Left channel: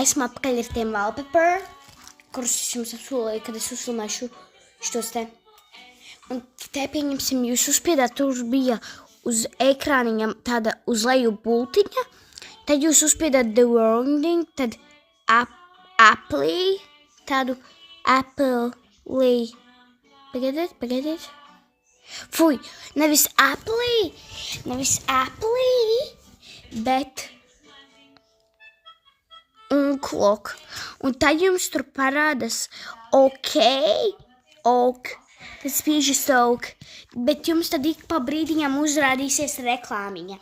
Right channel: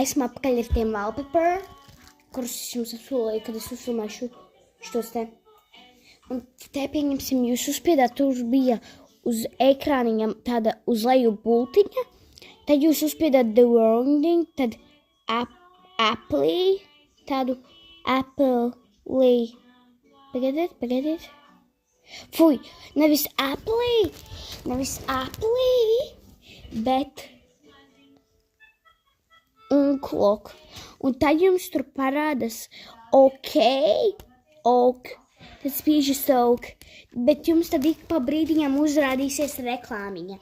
esmu atpakaļ ar tiem wallpaper, kurus es jums apsolīju, kad es uzfilmēšu šitos te. Un te pieņemsim, jūs uzspiedāt, tur bija uz ekrāniņa tāda uz leju bultiņa, tad jūs uzspiedāt the warning, tad Apple, tādu Apple, pagaidiet. Fuj, nevis Apple, bet unclock. Un tad jums tur parādas ok, tas spiežas ok, bet jums tad ik pa brīdiņam uzrādīsies reklāmiņa.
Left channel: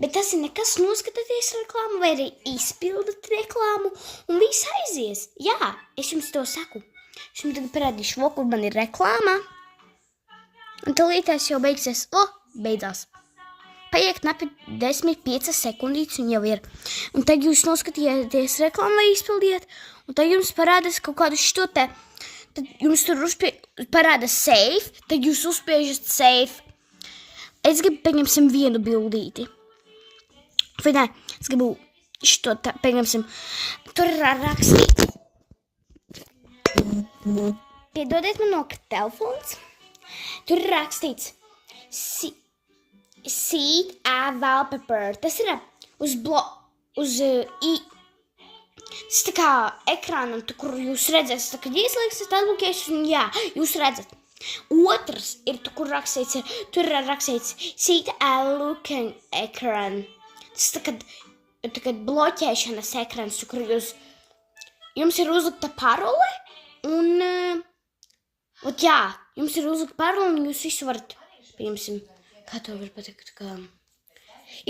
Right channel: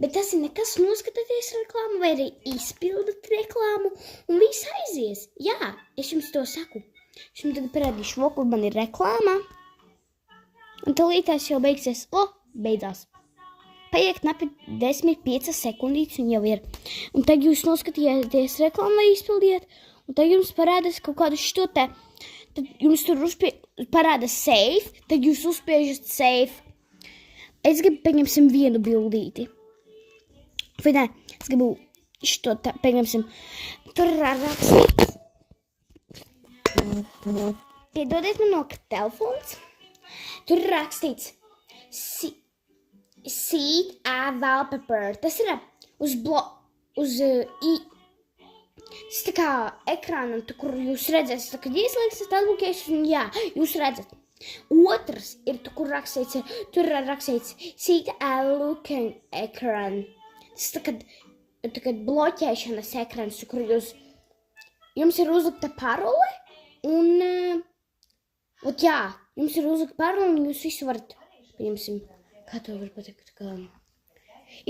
Bet tas ir nekas, noskatāties reklāmu vai arī izpildat reklāmu un viss aizies. Jā, es jums to saku. Es jums tagad parādīšu, kur man ir reklāma. Un tūlītās jau beigsies. Beidzās. Paiet knapi 10-5 sekundītes un jau ir. Un tad jūs noskatījāties reklāmu vai izpildiet. Un tad jums parādās kaut kādu šito te. Tad jums tur parādās save. Tad jūs uzspiežat save. Es gribu pieņemsim vienu bildīti. Vai nē, es gribu šito tā, pieņemsim. Tur ir rakstīts. Piedodiet man no telefons. Tur ir rakstīts seed a wallpaper. Tas ir uz tas tā kā ekrānam, kur jūs redzēsiet, kad ieslēgsiet atbloķēšanu, jā, jūs redzat. Otrs ir, kur rakstīts, tur ir rakstīts seed a looking ekran. Tas tā kā bloķēšanas ekrans, kur jums ir uzlikta parole un, jā, jums ir uzlikta parole un jūs visu varat, pieņemsim, kā to var pateikt, kā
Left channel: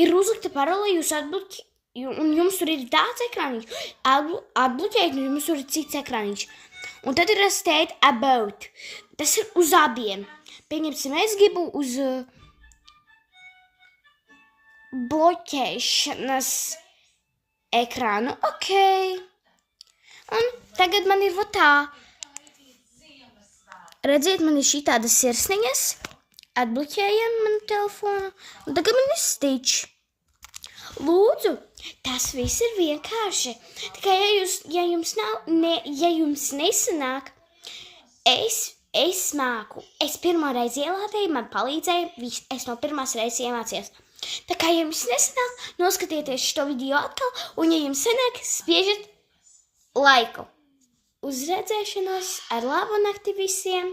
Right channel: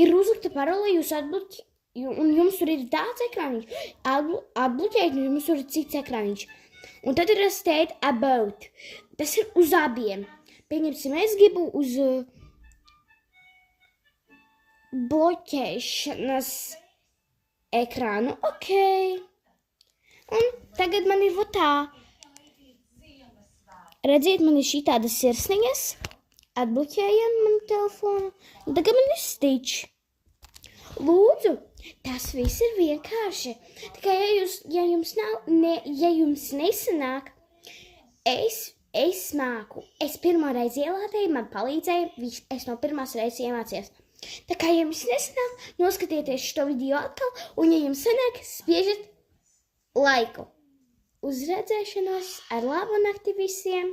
ir uzlikta parole, jūs atbloķējat, un jums tur ir tāds ekrāniņš, atbloķējat, un jums tur ir cits ekrāniņš. Un tad ir state about, tas ir uz abiem. Pieņemsim, es gribu uz bloķēšanas ekrānu, ok. Un tagad man ir tā. Redziet, man ir šī tādas sirsniņas. Atbloķējam manu telefonu. Un tagad man ir Stitch. Lūdzu, tas viss ir vienkārši. Tikai, ja jums nesanāk, es māku. Es pirmo reizi ielādēju, man palīdzēja, es no pirmās reizes iemācījos. Tā kā, ja jums nesanāk, noskatieties šo video atkal, un ja jums sanāk, spiežat laiku. Uz redzēšanos, ar labu nakti visiem!